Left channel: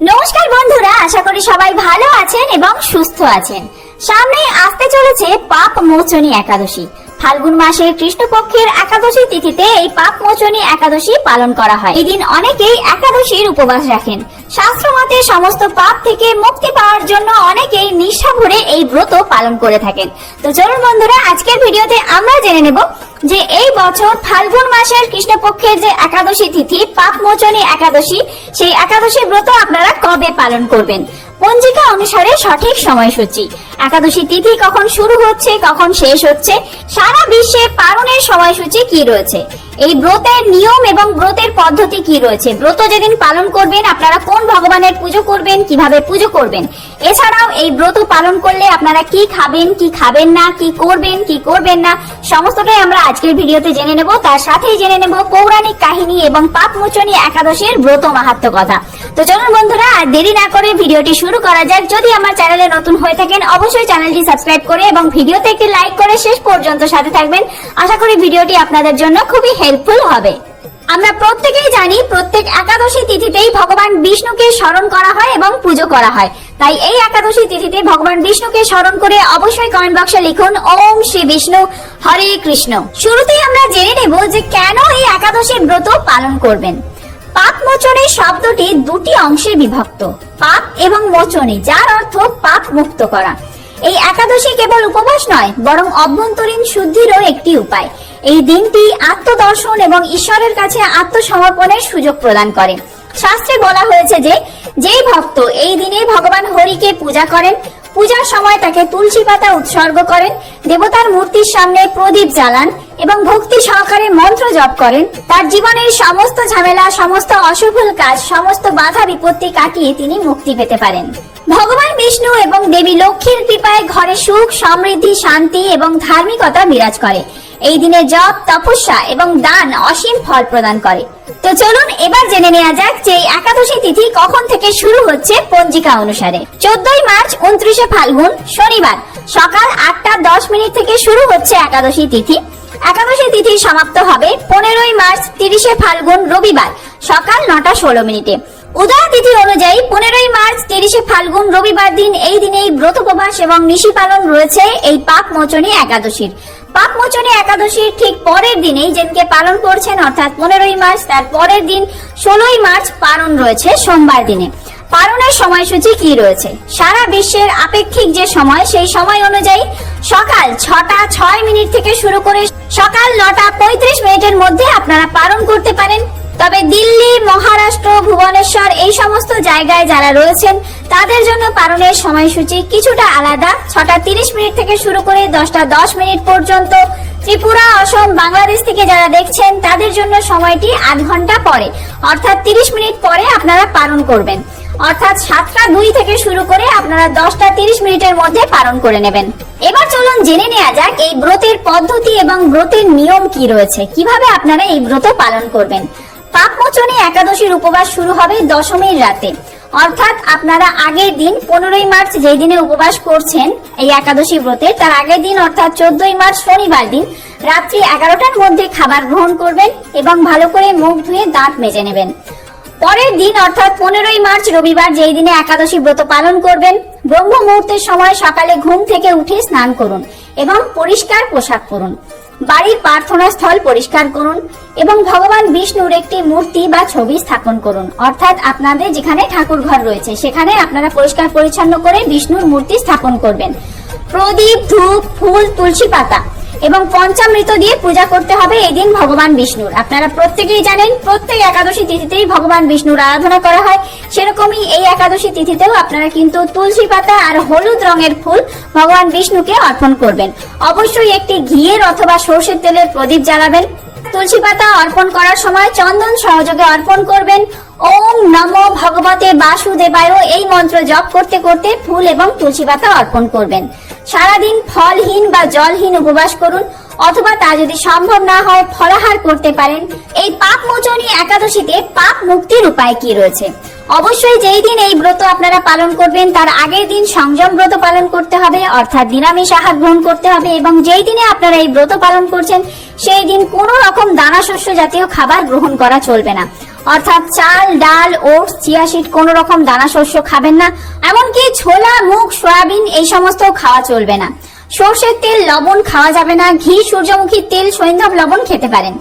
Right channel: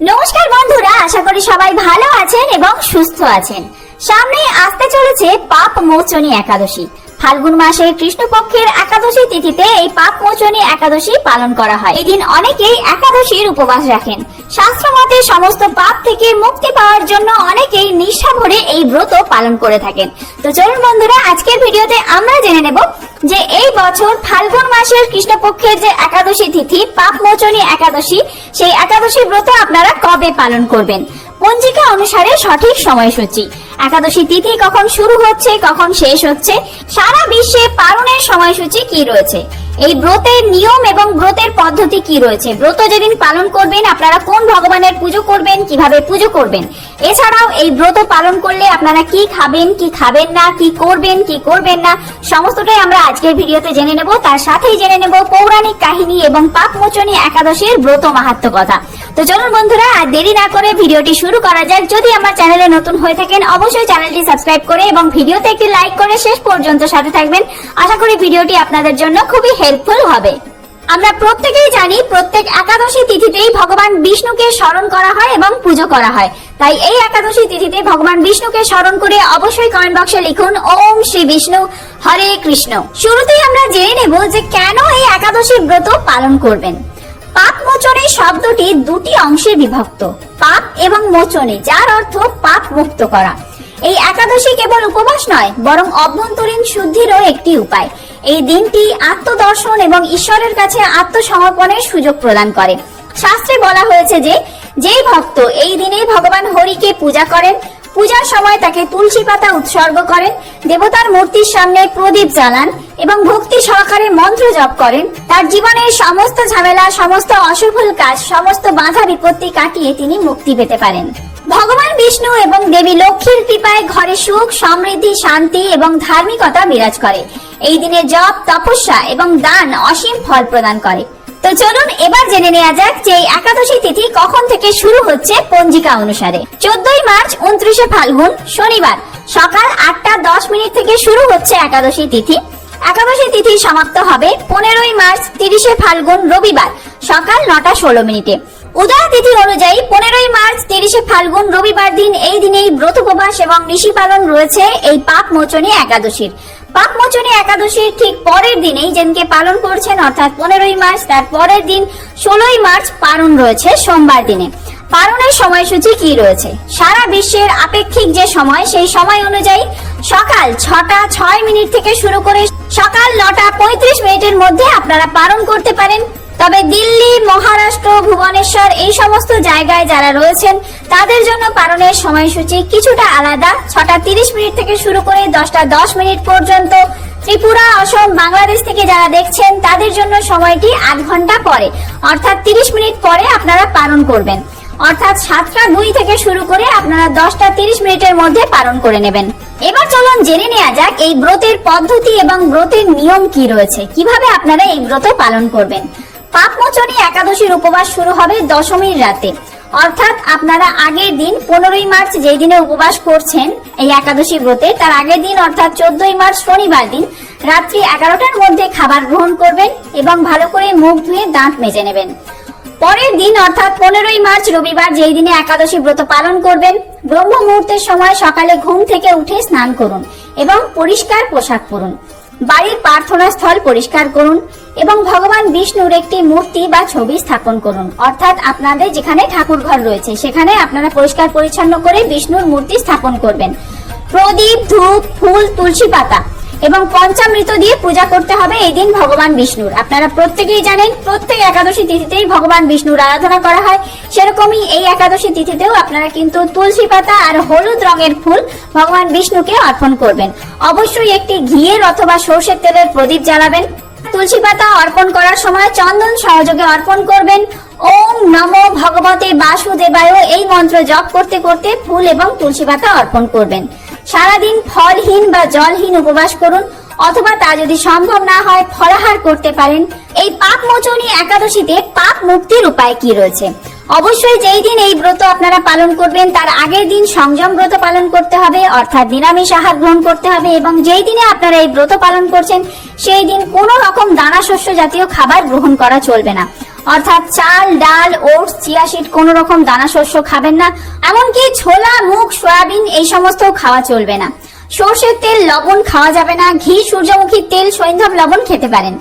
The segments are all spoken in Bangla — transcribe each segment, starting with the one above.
নমস্কার বন্ধুরা, আশা করি সবাই ভালো আছেন এবং সুস্থ আছেন। সামনে আসতে চলেছে পাপ মোচনী একাদশী। ফাল্গুন মাসের কৃষ্ণপক্ষের একাদশী তিথিতে এই পাপ মোচনী একাদশী পালন করা হয়। এই দিন অনেকেই একাদশীর উপবাস রাখেন। শাস্ত্র মতে সমস্ত পাপ থেকে মুক্তি পাওয়ার জন্য অনেকেই নিষ্ঠা ভরে এই ব্রত পালন করে থাকেন। তো চলুন বন্ধুরা, আজকের ভিডিওতে আমরা জেনে নেব যে এই বছর ফাল্গুন মাসের কৃষ্ণপক্ষের যে একাদশী তিথি পাপ মোচনী একাদশী, সেই একাদশী ব্রত আপনারা কবে পালন করবেন। পঞ্জিকা অনুসারে সঠিক সময়সূচি, একাদশী তিথি কখন শুরু হচ্ছে, কখন শেষ হচ্ছে, সারা বিশ্বে পালনের সময়সূচি কি রয়েছে, এই ব্রতের নিয়ম এবং ব্রতের পদ্ধতি কি রয়েছে, ব্রত যেদিন পালন করবেন আপনারা কোন ভগবানের পুজো করবেন, কিভাবে পুজো করবেন, এছাড়াও এই ব্রত পালন করলে আপনারা কি খাবেন, কি খাবেন না, কি করবেন, কি করবেন না, সমস্তটাই আমরা আজকের ভিডিওতে জেনে নেব। তার সাথেই জেনে নেব পৌরাণিক কাহিনী এবং পাপ মোচনী একাদশীর ব্রত মাহাত্ম্য কথা। তো চলুন বন্ধুরা, আর দেরি না করে ভিডিওটি শুরু করা যাক। যদি আমার চ্যানেলে নতুন হয়ে থাকেন অবশ্যই চ্যানেলটি সাবস্ক্রাইব করে এবং ভিডিওতে একটি লাইক করে শেষ পর্যন্ত সাথে থাকবেন। আশা করি ভিডিওটি আপনাদের জন্য খুবই হেল্পফুল হবে। আমরা প্রত্যেকেই জানি প্রত্যেক একাদশী তিথিতেই ভগবান বিষ্ণুকে স্মরণ করা হয় এবং পুজো করা হয়। তাই এই একাদশী তিথিতে ভগবান বিষ্ণুকে স্মরণ করে অবশ্যই কমেন্ট বক্সে লিখুন ওম শ্রী বিষ্ণু হরে কৃষ্ণ। শুরুতেই আমরা জেনে নেব যে কেন এই একাদশী ব্রত পালন করবেন। পাপ মোচনী শব্দটি দুটি অংশে বিভক্ত, পাপ এবং মোচনী, যার অর্থ পাপ মুক্ত করা। এই একাদশী কেবল উপবাস নয়, বরং অভ্যন্তরীণ শুদ্ধিরও একটি উপায়। এই দিনটি আত্মদর্শন এবং ঈশ্বরের কাছে আত্মসমর্পণের সুযোগ প্রদান করে। শাস্ত্রে বলা হয়েছে যে যেই ভক্ত এই দিনে ভগবান হরিকে পূজা করেন, পূজার সময় তাকে তুলসী পাতা উৎসর্গ করেন, দেবতার মূর্তির সামনে প্রদীপ জ্বালান এবং ভক্তি সহকারে মন্ত্র জপ করেন, তার জীবনের সমস্ত ঝামেলা, সমস্ত অশুভ কাজ, সমস্ত বাধা বিপত্তি কাটিয়ে তিনি মুক্তি পেতে পারেন। ভগবান বিষ্ণু এবং দেবী লক্ষ্মীর কৃপায় ঘরে সুখ, সমৃদ্ধি, শান্তি এবং ধার্মিকতা বিরাজ করে। এই দিনে জপ, তপস্যা এবং দান অসীম ফল প্রদান করে। তো চলুন এবার জেনে নেওয়া যাক যে এই একাদশী তিথি কখন থেকে শুরু হচ্ছে পঞ্জিকা অনুসারে। 14 মার্চ 29 ফাল্গুন শনিবার সকাল 8:10 থেকে শুরু হচ্ছে একাদশী তিথি। একাদশী তিথি সমাপ্ত হবে 15 মার্চ 30 ফাল্গুন রবিবার সকাল 9:16। উদয় তিথি অনুযায়ী 15 মার্চ 30 ফাল্গুন রবিবার দিন এই দিনেই ব্রত উপবাস এবং নিশি পালন রয়েছে এই পাপ মোচনী একাদশীর। পাপ মোচনী একাদশীর ঠিক পরের দিনেই যেদিনকে পালন করছেন অর্থাৎ 15 মার্চ, তার পরের দিন 16 মার্চ পালন রয়েছে সোমবার দিনে। পালনের সময়সূচি কি রয়েছে? সারা বিশ্বের আপেক্ষিক যে সময়, সেই সময় অনুযায়ী সকাল 6:06 থেকে শুরু করে সকাল 9:35 মধ্যে আপনারা পালন করতে পারেন। তবে দিল্লি, মহারাষ্ট্র, ভুবনেশ্বর এই সমস্ত জায়গায় যারা রয়েছেন তাদের জন্য পালনের সময়সূচি কিছুটা আলাদা। 6:30 থেকে শুরু করে 10:10 পর্যন্ত। ত্রিপুরা, অসম, বাংলাদেশ থেকে যারা দেখছেন তাদের জন্য সময়টি আধ ঘন্টা পরে, অর্থাৎ 30 মিনিট পরে আপনারা পালন করবেন। অর্থাৎ 7:02 থেকে শুরু করে আপনারা 10:30 মধ্যে পালন করে নেবেন। এবার চলুন জেনে নেওয়া যাক এই ব্রতের পদ্ধতি এবং ব্রতের নিয়ম কি রয়েছে, কিভাবে আপনারা এই ব্রত পালন করবেন। পাপ মোচনী একাদশীর উপবাস শুরু হবে দশমীর রাতে, অর্থাৎ আপনারা আগের দিন 15 মার্চ যেই দিনে উপবাস করছেন এই একাদশী ব্রতে, তার আগের দিন অর্থাৎ 14 মার্চ শনিবার দিন রাত্রি 11টার মধ্যে খাবার গ্রহণ করবেন এবং ভালো করে মুখ ধুয়ে দাঁত মেজে নেবেন। পরের দিন অর্থাৎ 15 মার্চ রবিবার যেই দিনে একাদশী ব্রত পালন করবেন, ব্রহ্ম মুহূর্তের সময় সকালে ঘুম থেকে উঠে স্নান করুন এবং পরিষ্কার পোশাক পরুন। বাড়ির প্রার্থনা স্থল পরিষ্কার করুন এবং ভগবান বিষ্ণুর একটি মূর্তি বা ছবি স্থাপন করুন। অর্থাৎ আপনাদের যেখানে ঠাকুর ঘর রয়েছে সেখানে আপনারা পরিষ্কার পরিচ্ছন্ন করে বিষ্ণুর মূর্তি স্থাপন করবেন। প্রদীপ, ধূপ, ফুল, তুলসী পাতা এবং পঞ্চামৃত দিয়ে পূজা করতে হবে এই দিন ভগবান বিষ্ণুর। আপনারা প্রত্যেকেই জানেন প্রত্যেক একাদশী তিথিতেই ভগবান বিষ্ণুর আরাধনা করা হয়, সেরকমই এই একাদশী তিথিতেও আপনারা কিন্তু তুলসী পাতা আর হলুদ রঙের ফুল ভগবান বিষ্ণুকে অর্পণ করবেন। অবশ্যই একটি ঘিয়ের অথবা সরষের তেলের প্রদীপ জ্বালাবেন। তুলসী পাতা অর্পণ করার সময় চন্দন সহযোগে অর্পণ করবেন। ওম নমো ভগবতে বাসুদেবায় এই মন্ত্র জপ করতে করতে ফুল এবং তুলসী পাতা অর্পণ করবেন। সারাদিন ফলহীন বা জলহীন উপবাস করুন, অথবা তা যদি সম্ভব না হয় ফলাহার করতে পারেন। এই পাপ মোচনী একাদশীতে পাপ মুক্তির উপায় কি রয়েছে? অবশ্যই যেই দিন এই ব্রত আপনারা পালন করবেন তার আগের দিন সংযম ব্রত পালন করতে হবে, অর্থাৎ নিরামিষ আহার গ্রহণ করতে হবে এবং যেই দিনে আপনারা এই ব্রত পালন করছেন সেই দিন কোনো রকম দানা শস্য জাতীয় খাবার গ্রহণ করা চলবে না। অর্থাৎ চাল, ডাল, ওটস, চিয়া সিড, কোন রকম দানা শস্য খাবেন না। এমনকি ছোলা, মুগ, সয়াবিন এই সমস্ত খাওয়া চলবে না। সর্ষের তেল, লবণ খাওয়া যাবে না। ঘি, সূর্যমুখী তেল, সৈন্ধব লবণ খেতে পারেন।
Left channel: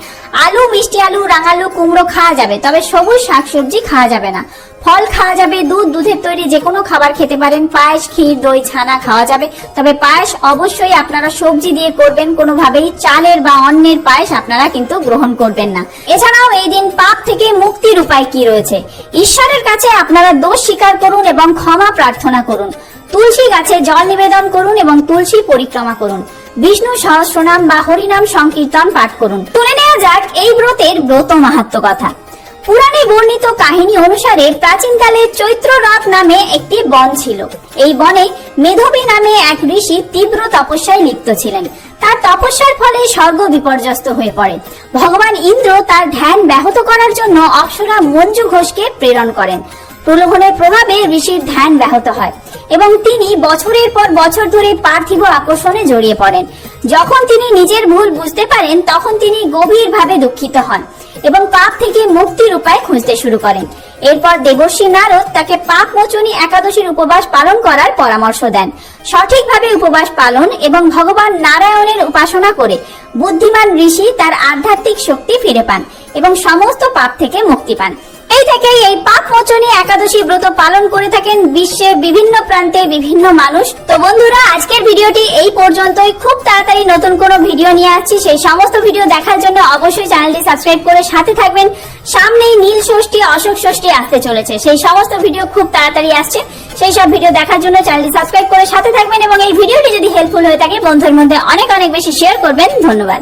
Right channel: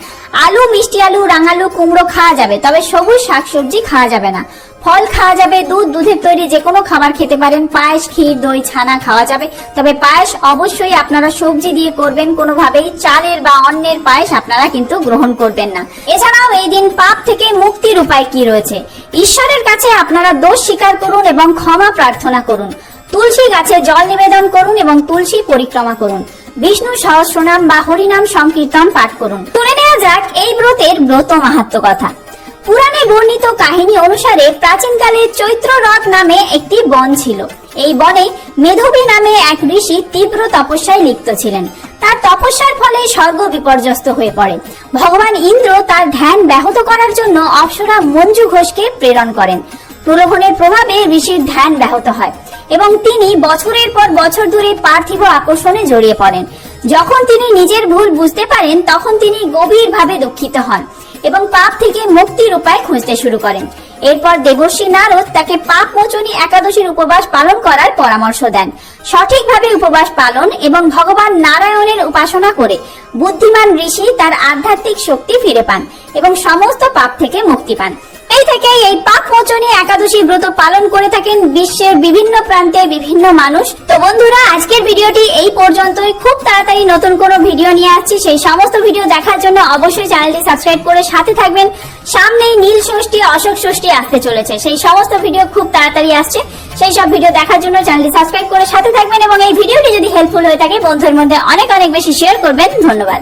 আলু, মিষ্টি আলু, রাঙালু, কুমড়ো খাওয়া যাবে, তবে সবুজ শাকসবজি খাওয়া যাবে না। ফল খাওয়া যাবে। দুধ, দুধের তৈরি যে কোনো খাবার খেতে পারেন। পায়েস, ক্ষীর, দই, ছানা খাওয়া যাবে, তবে পায়েস অবশ্যই আপনারা সবজি দিয়ে করবেন। কোনোভাবেই চালের বা অন্যের পায়েস আপনারা কিন্তু গ্রহণ করবেন না। এছাড়াও এই দিন পাপ থেকে মুক্তির উপায় কি রয়েছে? ঈশ্বরের কাছে আপনারা দোষ স্বীকার করুন এবং ক্ষমা প্রার্থনা করুন। তুলসী গাছে জল নিবেদন করুন এবং তুলসী পরিক্রমা করুন। বিষ্ণু সহস্রনাম বা হরিনাম সংকীর্তন পাঠ করুন। তুলে নেওয়া যাক এই ব্রতের ব্রত মাহাত্ম্য কথা। পুরাণে বর্ণিত কাহিনী অনুসারে প্রাচীনকালে চৈত্ররথ নামে একটি বন ছিল। এই বনে মেধবী নামে এক ঋষি তীব্র তপস্যায় লিপ্ত ছিলেন। তার তপস্যার ফলে স্বর্গ বিপর্যস্ত হয়ে পড়ে। ভগবান ইন্দ্র তার ধ্যান ব্যাহত করার জন্য অপ্সরা মঞ্জু ঘোষকে প্রেরণ করেন। প্রলোভনের প্রভাবে ঋষির ধ্যান ব্যাহত হয় এবং তিনি বছরের পর বছর ধরে পার্থিব আকর্ষণে জড়িয়ে পড়েন। যখন তিনি নিজের ভুল বুঝতে পারেন তখন তিনি গভীরভাবে দুঃখিত হন এবং পাপ থেকে মুক্তির উপায় খুঁজতে শুরু করেন। এরপর দেবর্ষি নারদ তাকে পাপ মোচনী একাদশীর উপবাস পালন করার পরামর্শ দেন। সঠিকভাবে উপবাস পালন এবং ভগবান নারায়ণের উপাসনা করে বুদ্ধিমান ঋষি তার আধ্যাত্মিক শক্তি ফিরে পান এবং সমস্ত পাপ থেকে মুক্তি পান। এই থেকেই এই পাপ মোচনী একাদশী ব্রত পালন করে থাকেন বিশ্বের বিভিন্ন প্রান্তে বিভিন্ন মানুষ। তো বন্ধুরা, আজকের ভিডিওটি এই পর্যন্তই। খুব তাড়াতাড়ি নতুন কোনো ভিডিও নিয়ে আসছি। সেই সমস্ত ভিডিও দেখার জন্য অবশ্যই চ্যানেলটি সাবস্ক্রাইব করে সাথে থাকবেন। সামনেই নীল ষষ্ঠী, অশোক ষষ্ঠী আসতে চলেছে। সেই সমস্ত ভিডিও খুব তাড়াতাড়ি আসছে। সেই সব ভিডিও দেখার জন্য চ্যানেলটি সাবস্ক্রাইব করে সাথে থাকবেন এবং এই ভিডিওটি যদি হেল্পফুল হয়ে থাকে বন্ধুদের মধ্যে অনেক অনেক বেশি শেয়ার করবেন। ধন্যবাদ।